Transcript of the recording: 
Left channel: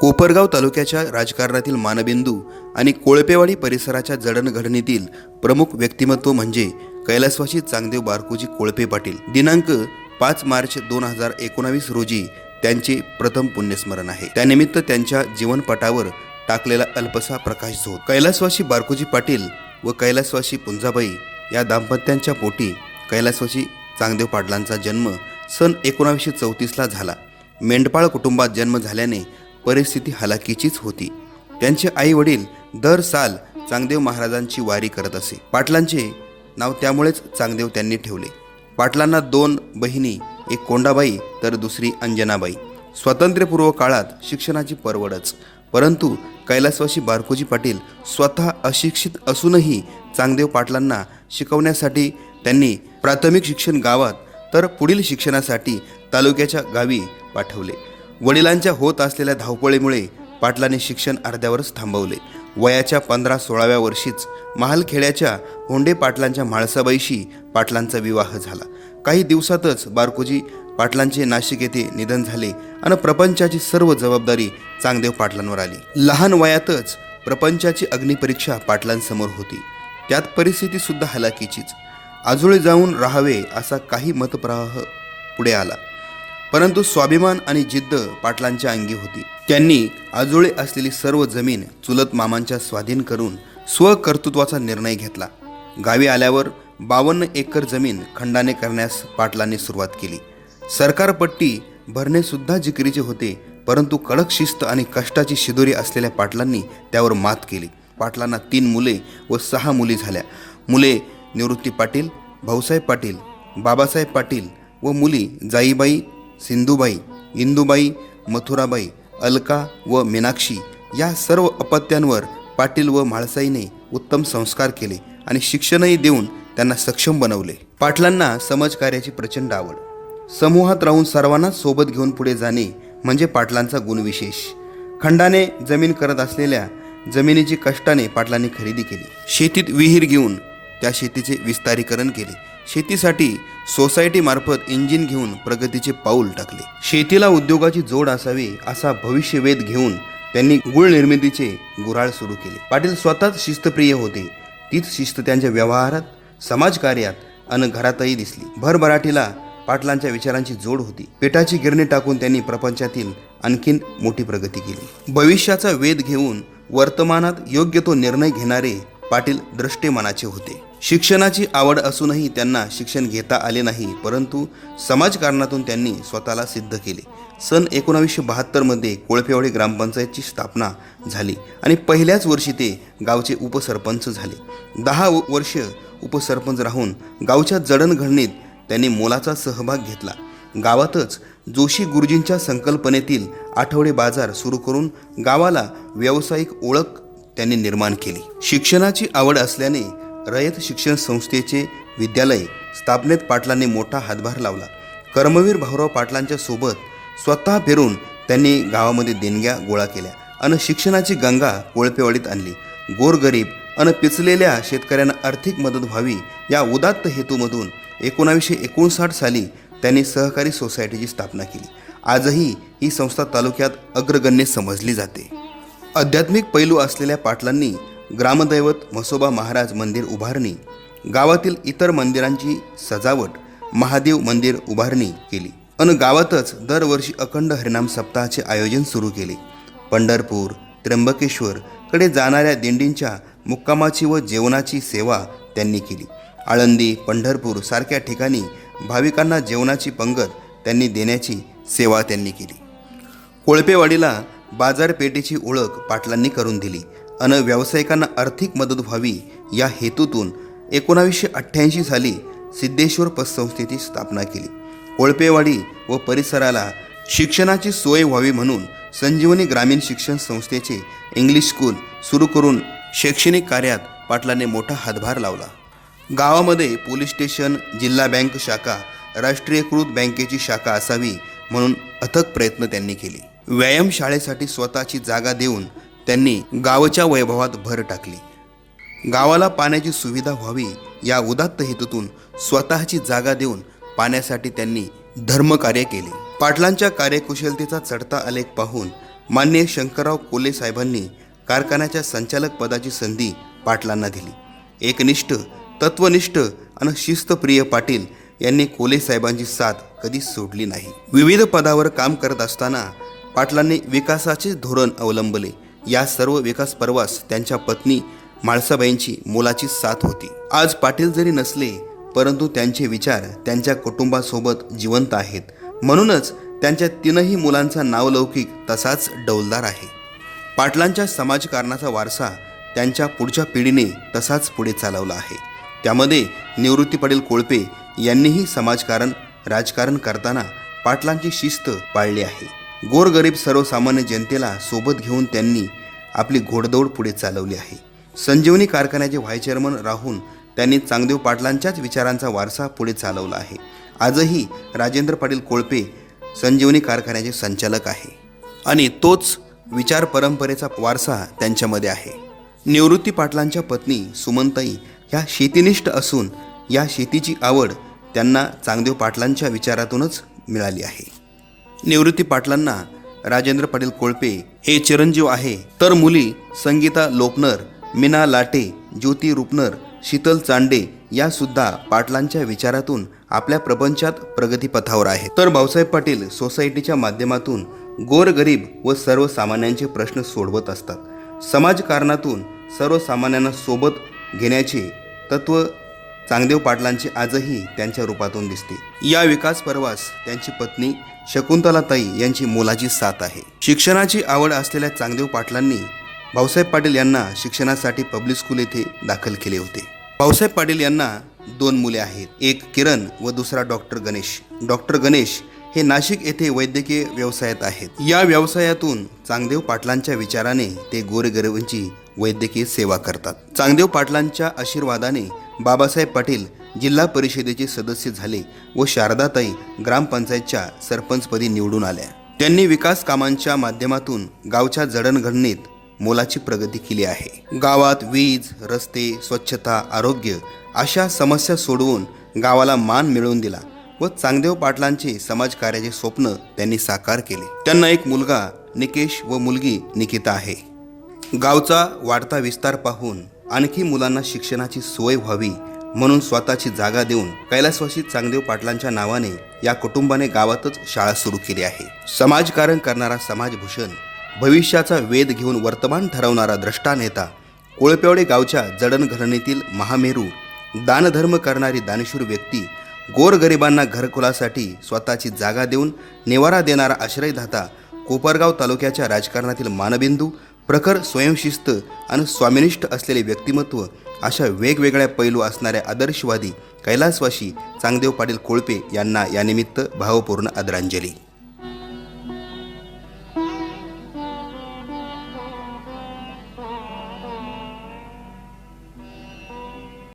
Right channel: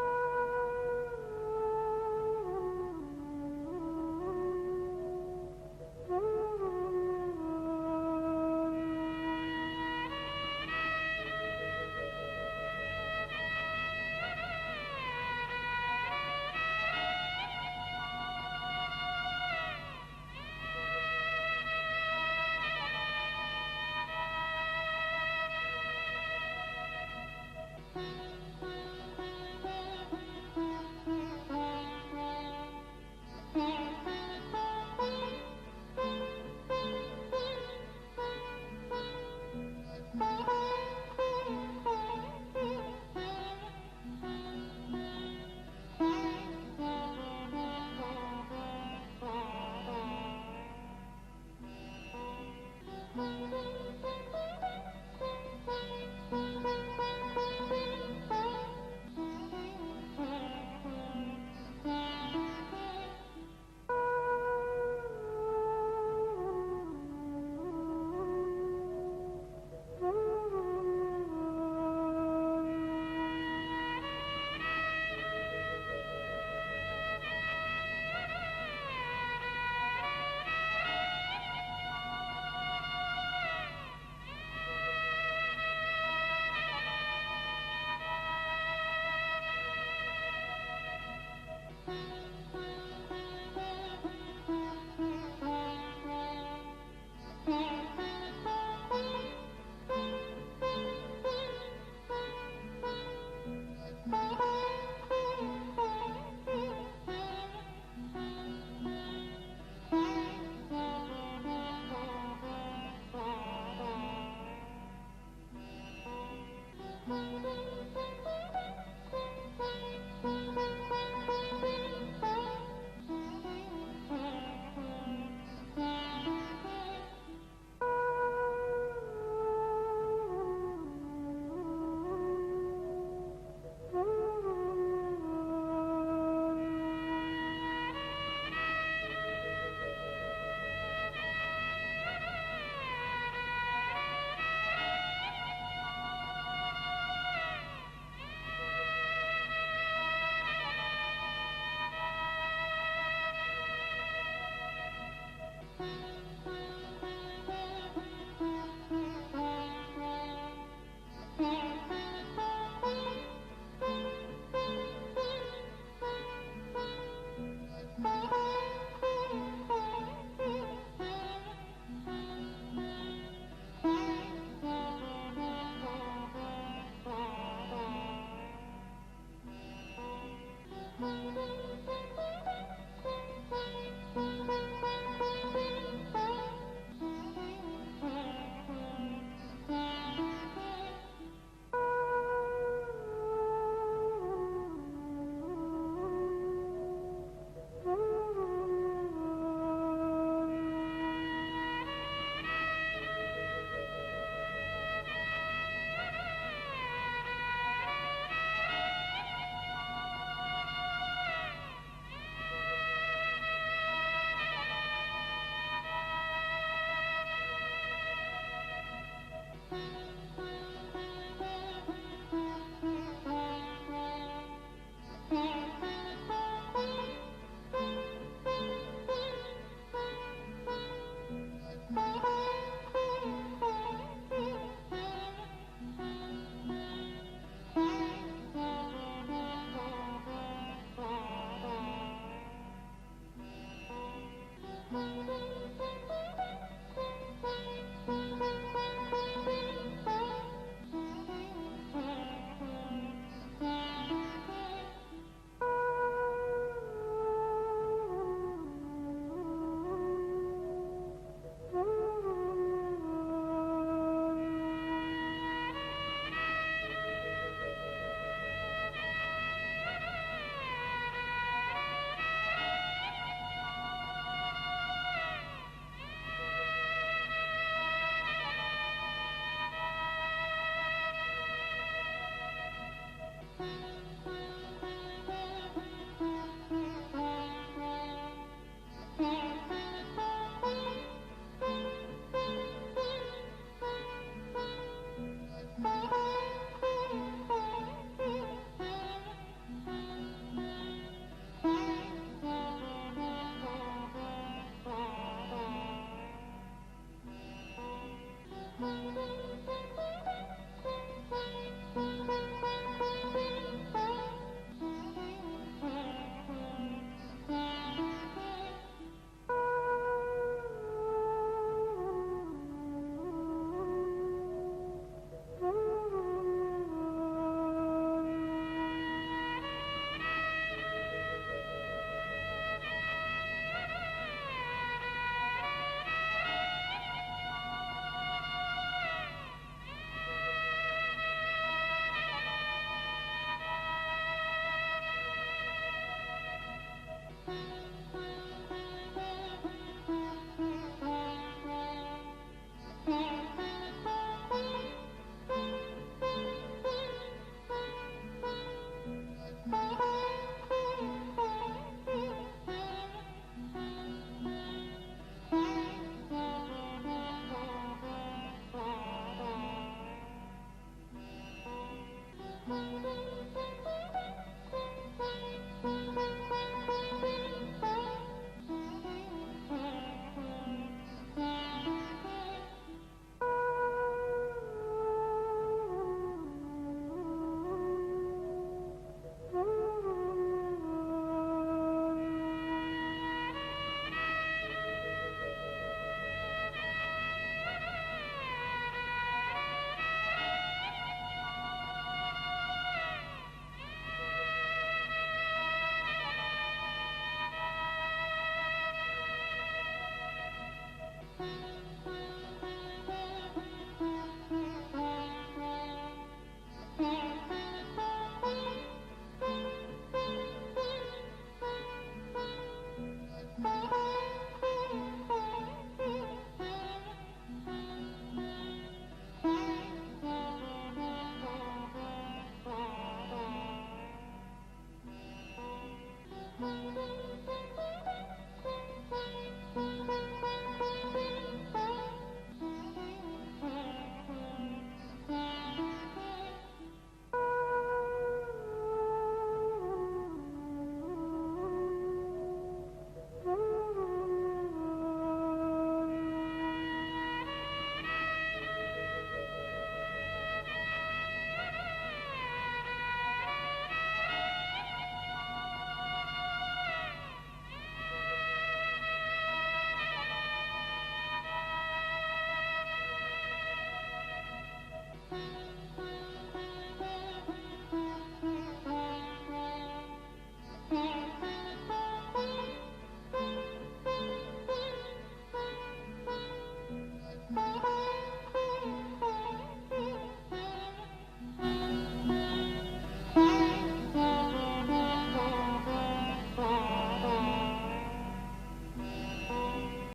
कोपरगाव तालुक्याच्या राजकारणातील मानबिंदू आणि कोळपेवाडी परिसराच्या जडणघडणीतील प्रमुख व्यक्तिमत्व म्हणजे कैलासवासी चांगदेव बारकोजी कोळपे पाटील. दिनांक पाच मार्च दोन हजार एकोणावीस रोजी त्यांचे प्रथम पुण्यस्मरण आहे. त्यानिमित्त त्यांच्या जीवनपटावर टाकलेला अल्पसा प्रकाश झो कैलासवासी बारकोजी पाटील व कैलासवासी पुंजाबाई या दाम्पत्यांच्या पोटी कैलासवासी चांगदेव पाटलांचा जन्म सन एकोणावीसशे चौतीसला झाला. मेंढपाळ कुटुंबात जन्म झाल्याने परिस्थिती हलाखीचीच होती. त्यांचे आई वडील दर साल चांगदेव महाराजांची वारी करत असे. पाटलांचे नाव त्यामुळेच चांगदेव त्यांनी ठेवले. पाटलांना दोन बहिणी एक कोंडाबाई तर दुसरी अंजनाबाई. स्वातंत्र्यपूर्व काळात शिक्षणाची परवडच. परंतु कैलासवासी बारकोजी पाटील स्वतः अशिक्षित असूनही चांगदेव पाटलांना शिकवण्यासाठी त्यांनी प्राथमिक शिक्षण गावात तर पुढील शिक्षणासाठी तालुक्याच्या गावी पाठवले. वडिलांच्या होत असलेल्या धावपळीमुळे पाटलांनी शिक्षण अर्ध्यावरच थांबवले. वयाच्या पंधरा सोळाव्या वर्षीच महालखेड्याच्या होंडे पाटलांच्या म्हाळसाबाईशी पाटलांचा विवाह झाला. काही दिवसातच बारकोजी पाटलांचे नाशिक येथे निधन झाले आणि प्रपंचाची सर्व जबाबदारी चांगदेव पाटलांवर आली. लहान वयातच प्रपंचाची अग्निपरीक्षा पाटलांसमोर होती. त्यात परिस्थिती सुद्धा हलाखीचीच. आजोळे जाऊन राहावे असा काही मतप्रवाह पुढे आला. परंतु स्वाभिमान आणि जिद्द पाटलांच्या अंगी होती. त्यांनी आजोळी असलेली सर्व जमीन चुलत मामांच्या स्वाधीन करून स्वकर्तृत्वाचा निर्णय घेतला. गावी आल्यावर बावन्न एकर जमीन खंडाने करण्यास पाटलांनी सुरुवात केली. सरकारपट्टी भरणेसुद्धा जिकरीचे होते परंतु कडक शिस्त आणि कष्टाची शिदोरी असलेल्या पाटलांनी त्यावर मात केली. पाटलांना तीन मुले व सहा मुली झाल्या. मुले निवृत्ती पाटील भाऊसाहेब पाटील बाबासाहेब पाटील व मुली जाईबाई सिंधुबाई इंदुबाई मथुराबाई अलका व मीनाक्षी या सर्व अपत्यांवर पाटील व म्हाळसाईने उत्तम संस्कार केले आणि शिक्षणही देऊन त्यांना सक्षम बनवले. पाटलांना समाजकार्याची प्रचंड आवड. समूहात राहून सर्वांना सोबत घेऊन पुढे जाणे म्हणजे पाटलांचा गुणविशेष. खंडाने जमीन करत असलेल्या जमिनीची कष्टाने पाटलांनी खरेदी केली. शेतीत विहीर घेऊन त्या शेतीचे विस्तारीकरण केले. शेतीसाठी सोसायटीमार्फत इंजिन घेऊन प्रगतीचे पाऊल टाकले. शेतीला उद्योगाची जोड असावी असा भविष्यवेध घेऊन त्यांनी गुळ निर्मितीचे गुराळ सुरू केले. पाटील स्वतःच शिस्तप्रिय होते. तीच शिस्त त्यांच्या व्यवहारात समाजकार्यात अन घरातही दिसली. भरभराटीला पाटलांच्या विचारांची जोड होती. पेटाची गिरणी टाकून त्यांनी प्रपंचातील आणखीन मोठी प्रगती केली. भविष्याचा वेध घेऊन वर्तमानात योग्य तो निर्णय घेणारे पाटील दृष्टे मनाचे होते. शिक्षणाची आवड असूनही त्यांना शिक्षण घेता आले नाही परंतु समाजकारणातून त्यांनी स्वतःला सिद्ध केले. सन एकोणावीसशे बहात्तरमध्ये कोळपेवाडी ग्रामपंचायतची स्थापना झाली आणि पहिल्याच वर्षी ते गावचे उपसरपंच झाले. दहा वर्ष उपसरपंच राहून गावच्या जडणघडणीत त्यांनी मोलाचा सहभाग घेतला. गावातच जोशी गुरुजींच्या संकल्पनेतील आठवडे बाजार सुरू करून गावाला व्यावसायिक ओळख त्यांनी निर्माण केली. शिक्षणाची आवड असल्याने रयत शिक्षण संस्थेचे विद्यालय स्थापनेत पाटलांनी मोठा हातभार लावला. कर्मवीर भाऊराव पाटलांच्या सोबत स्वतः फिरून त्यांनी गावामध्ये देणग्या गोळा केल्या आणि शिक्षणाची गंगा कोळपेवाडीत आणली. गोरगरीब आणि पिचलेल्या शेतकऱ्यांना आर्थिक मदत व्हावी या उदात्त हेतूमधून एकोणावीसशे एकोणसाठ साली त्यांनी सहकारी सोसायटीची स्थापना केली. आजही ही संस्था तालुक्यात अग्रगण्य समजली जाते. आध्यात्मिक पैलू असलेल्या पाटलांनी ग्रामदैवत म्हसोबा महाराज मंदिर उभारणी गावातील इतर मंदिरांची सजावट महादेव मंदिर उभारणी केली. अन गावातच दरवर्षी अखंड हरिनाम सप्ताहाचे आयोजन सुरू केले. पंढरपूर त्र्यंबकेश्वर कडे जाणाऱ्या दिंडींच्या मुक्कामाची व जेवणाची सेवा त्यांनी केली. आळंदी पंढरपूर सारख्या ठिकाणी भाविकांना जेवणाची पंगत त्यांनी देण्याची सेवा त्यांनी केली. कोळपेवाडीला बाजारपेठेची ओळख पाटलांनी करून दिली. अन व्यावसायिकांना आर्थिक मदत व्हावी या हेतूतून एकोणावीसशे अठ्ठ्याऐंशी साली सिद्धेश्वर पतसंस्थेची स्थापना केली. ओळपेवाडी व परिसराला शिक्षणाची सोय व्हावी म्हणून संजीवनी ग्रामीण शिक्षण संस्थेचे इंग्लिश स्कूल सुरू करून शैक्षणिक कार्यात पाटलाने मोठा हातभार लावला. गावामध्ये पोलीस स्टेशन जिल्हा बँक शाखा राष्ट्रीयकृत बँकेची शाखा असावी म्हणून अथक प्रयत्न त्यांनी केले. व्यायामशाळेसाठी स्वतःची जागा देऊन त्यांनी गावच्या वैभवात भर टाकली. गावाला पाण्याची सुविधा व्हावी या उदात्त हेतूतून स्वतःची जागा देऊन पाण्यासाठी त्यांनी धर्मकार्य केले. पाटलांच्या कार्यकुशलतेचा चढता आलेख पाहून मान्य शंकरराव कोले साहेबांनी कारखान्याच्या संचालक पदाची संधी पाटलांना दिली. एकनिष्ठ तत्वनिष्ठ आणि शिस्तप्रिय पाटील यांनी कोले साहेबांची साथ कधीच सोडली नाही. विविध पदावर काम करत असताना पाटलांनी विकासाचे धोरण अवलंबले. या सर्व विकास पर्वास त्यांच्या पत्नी म्हाळसाबाईंची मोलाची साथ होती. आज पाटील जरी नसले परंतु त्यांचे विचार त्यांच्या कुटुंबासोबत जिवंत आहेत. म्हणूनच त्यांच्या तीनही मुलांचा नावलौकिक तसाच डौलदार आहे. पाटलांच्या समाजकारणाचा वारसा त्यांच्या पुढच्या पिढीने तसाच पुढे चालवला आहे. त्यामध्ये निवृत्ती पाटील कोळपे यांनीही समाजकारण राजकारण करताना पाटलांची शिस्त पाळली आहे. गोरगरीब सर्वसामान्य जनतेला सोबत घेऊन त्यांनी आपली घोडदौड पुढे चालवली आहे. संजीवनी कारखान्याचे व्हाईस चेअरमन राहून त्यांनी चांगदेव पाटलांच्याच विचारांचा वारसा पुढे चालवला आहे. आजही राजेंद्र पाटील कोळपे संजीवनी कारखान्याचे संचालक आहे. आणि तोच विचार परंपरेचा वारसा त्यांच्यामध्ये आहे. निवृत्ती पाटलांच्या पत्नी सुमनताई ह्या शेतीनिष्ठ असून या शेतीची आवड त्यांना चांगदेव पाटलांच्या विचारातूनच मिळाली आहे. निवृत्ती पाटलांना राजेंद्र पाटील कोळपे हे चिरंजीव आहे. तर मुली संगीता लोपनर मीना लाटे ज्योती रुपनर शीतल चांडे या सुद्धा पाटलांच्या विचारातून आपल्या प्रपंचात प्रगतीपथावर आहे तर भाऊसाहेब पाटील सोसायटीच्या माध्यमातून गोरगरीब व सर्वसामान्यांचे प्रश्न सोडवत असतात. समाजकारणातून सर्वसामान्यांना सोबत घेण्याचे तत्व चांगदेव पाटलांची आजही त्यांच्या रूपातून दिसते. या विकास पर्वास त्यांची पत्नी शकुंतलाताई यांची मोलाची साथ आहे. शिक्षणाची आवड असलेल्या चांगदेव पाटलांनी भाऊसाहेब पाटील यांना शिक्षणासाठी पब्लिक स्कूल येथे दाखल केले होते. भाऊसाहेब पाटील यांना दोन मुले आहेत. एक किरण व दुसरा डॉक्टर गणेश. डॉक्टर गणेश हे नाशिक येथे वैद्यकीय व्यवसायात आहेत. या व्यवसायातून चांगदेव पाटलांच्या विचाराने ते गोरगरिबांची वैद्यकीय सेवा करतात. चांगदेव पाटलांच्या आशीर्वादाने बाबासाहेब पाटील जिल्हा परिषदेचे सदस्य झाले व शारदाताई ग्रामपंचायतच्या सरपंचपदी निवडून आल्या. त्यांनी विकास कामांच्या माध्यमातून गावच्या जडणघडणीत मोलाची प्रगती केली आहे. गावात वीज रस्ते स्वच्छता आरोग्य अशा समस्या सोडवून गावाला मान मिळवून दिला व चांगदेव पाटलांचे समाजकार्याचे स्वप्न त्यांनी साकार केले. त्यांना एक मुलगा निकेश व मुलगी निकिता आहे. गावचा वाढता विस्तार पाहून आणखी मुलांना शिक्षणाची सोय व्हावी म्हणून स्वतःची जागा देऊन कैलासवासी चांगदेव पाटलांच्या नावाने या कुटुंबाने गावातच शाळा सुरू केली आहे. समाजकारण करणारा समाजभूषण भविष्याचा वेध घेऊन वर्तमान ठरवणारा द्रष्टा नेता कोळपेवडे गावच्या जडणघडणीतील महामेरू दानधर्म करणारी दानशूर व्यक्ती गोरगरिबांना घरकुलासाठी स्वतःची जागा देऊन निवारा देणारा आश्रयदाता कोपरगाव तालुक्याच्या राजकारणातील मानबिंदू प्रखर स्वयंशिस्त आणि स्वामिनिष्ठ असलेले व्यक्तिमत्व अशा वेगवेगळ्या पैलू असणाऱ्या आदर्शवादी कैलासवाशी चांगदेव पाटील कोळपे यांना यानिमित्त भावपूर्ण आदरांजली.